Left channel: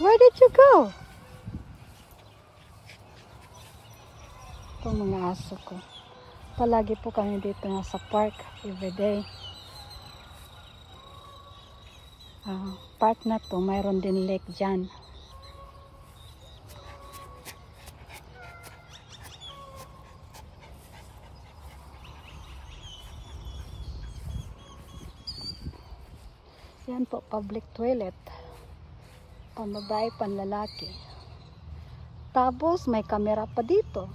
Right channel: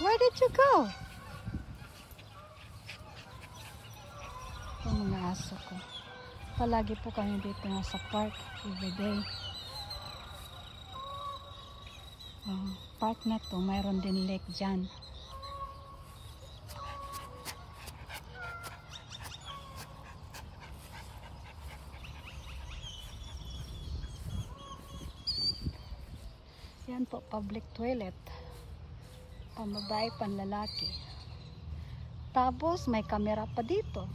Where did you go? Itong mga aso ko. Palagi po kami dito nga sa park everyday. Park na to, mayroon din lake dyan. Yan po, public toilet. Pambabae, panlalaki. Tapos may kamera pa dito.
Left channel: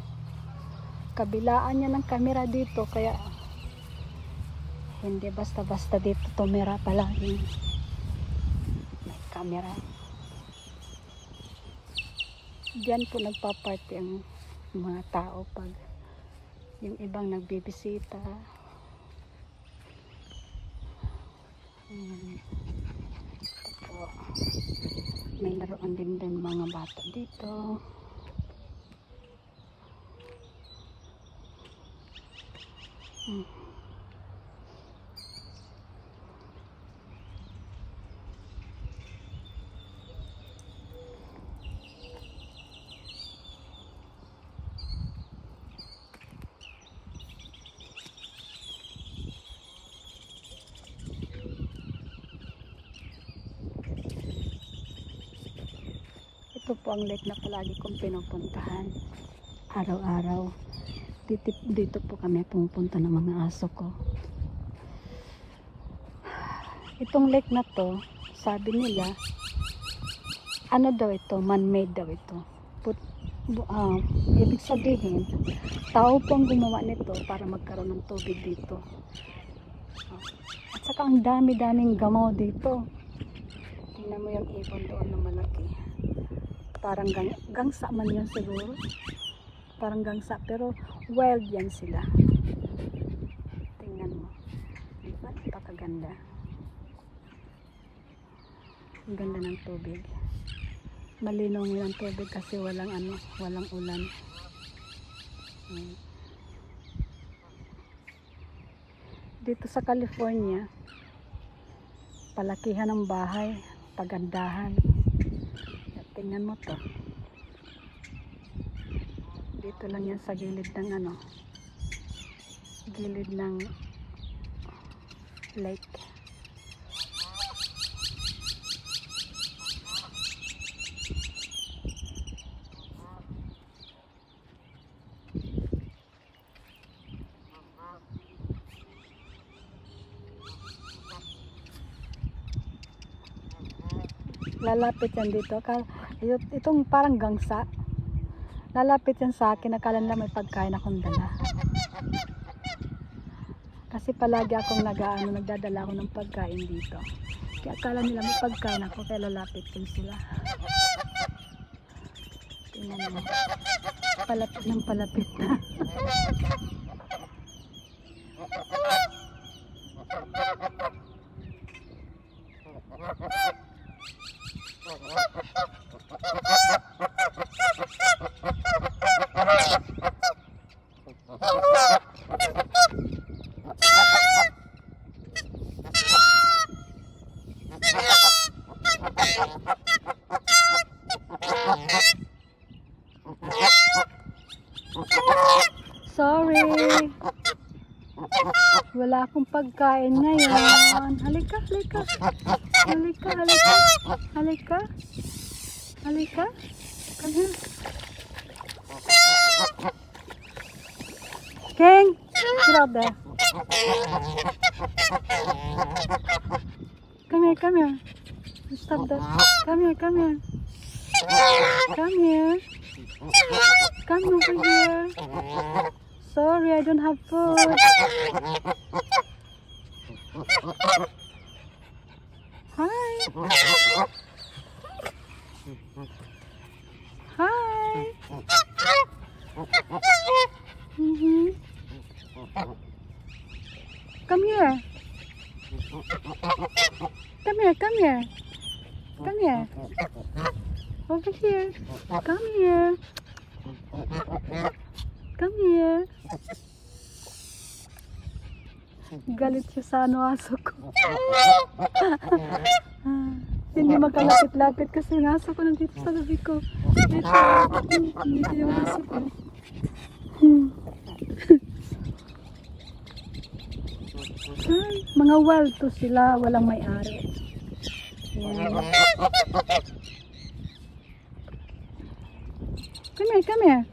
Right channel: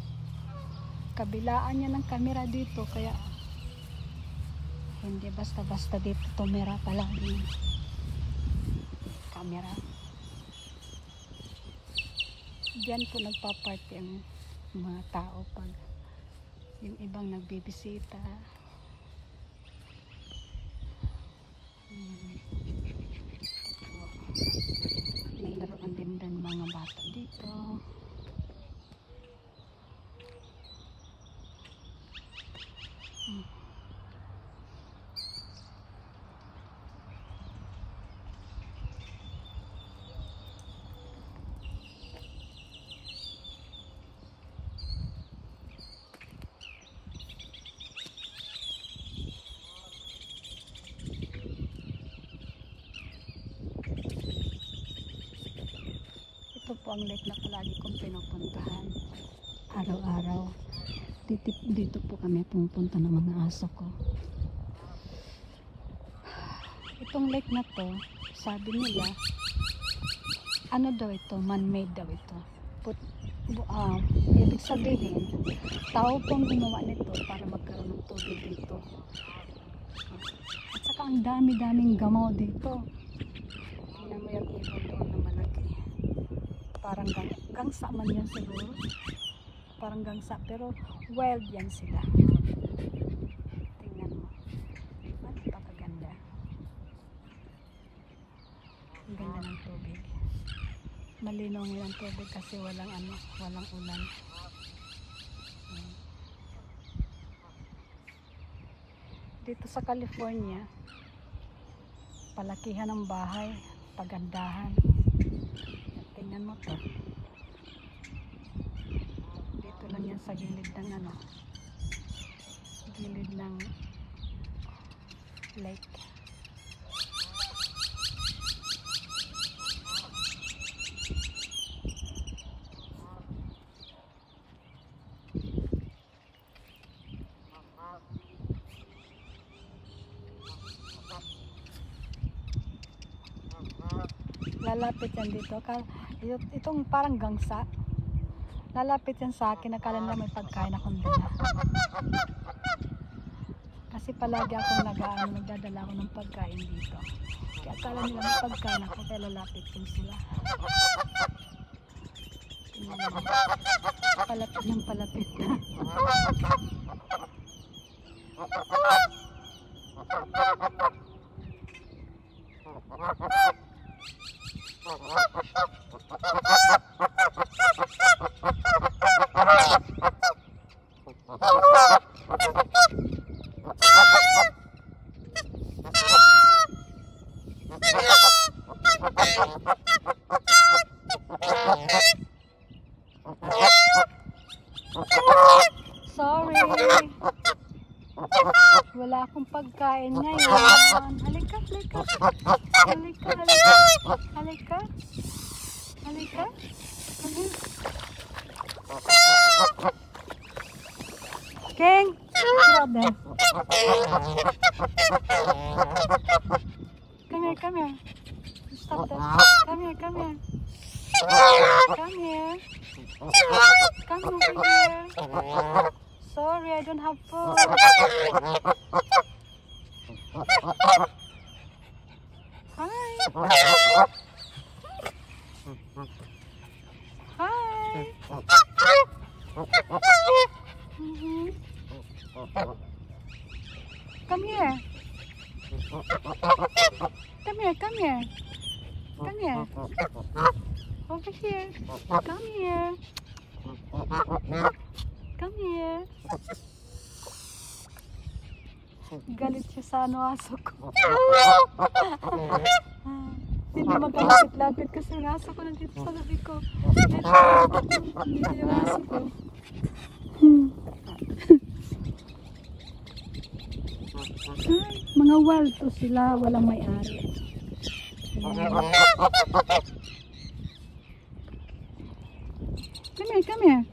Kabilaan niya ng kamera dito, kaya hindi basta-basta dito tumira palagi. Kamera. Diyan po nagpa-party ang mga tao pag yung ibang nagbibisita. May laruan din mga bata dito. Ito po ang lake na palagi kong pinupuntahan araw-araw. Dito po kami pumupunta ng mga aso ko. Itong lake na to, sabi nila, ano daw ito, man-made daw ito. Ibig sabihin, tao pong gumawa nito para magkaroon ng tubig dito. At saka ang dami-daming gamaw dito. Tingnan mo yung ibon doon na malaki. Parang gangsa man yan siguro. Parang gangsa, pero wild yan sila. Tingnan mo. Napakaganda. Ang ganda ng tubig. Malinaw yung tubig kasi walang ulan. Dito sa California, palakihan ng bahay, pagandahan. Tingnan mo to. Dito lang yan sa gilid ng gilid ng lake. Lalapit yan dito. Itong parang gangsa. Lalapit yan sa akin. Akala nila may pagkain akong dala. Kasi palagi akong nagdadala ako ng pagkain dito. Kaya akala nila may pagkain ako. Kaya lalapit yan sila. Palapit ng palapit na. Sorry. Wala akong pagkain ngayon. Halika, halika. Halika, halika. Halika. Halika. King, get out there. Come here, come here. Stop that. Come here, come here. Come here. Come over here. Sorry, I don't have food. Hi. Hi. Come here. Come here, come here. Come here. Over here. Come here. Come here. Galit siya sa aso ko. Hindi makalapit-lapit kasi yung aso ko nandito sa gabi ko. Nandito yung aso ko. Mga wild to sila, walang may-ari. Come here, come here.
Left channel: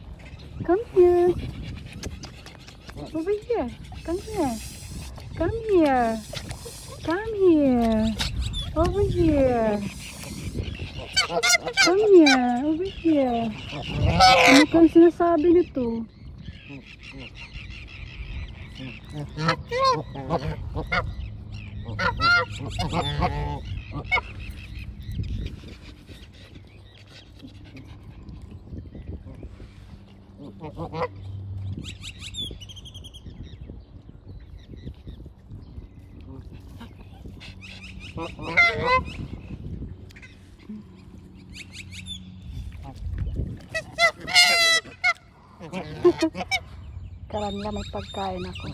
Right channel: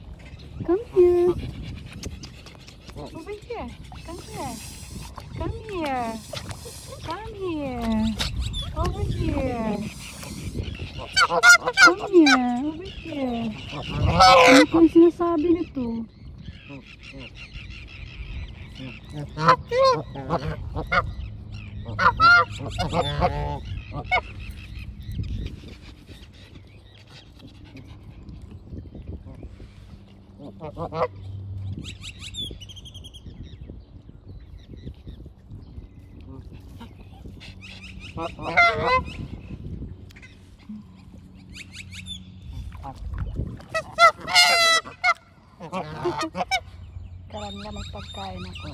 Come here. Over here. Come here. Come here. Come here. Over here. Come here. Over here. Ano kang sinasabi nito? Karanda may pagkain ako.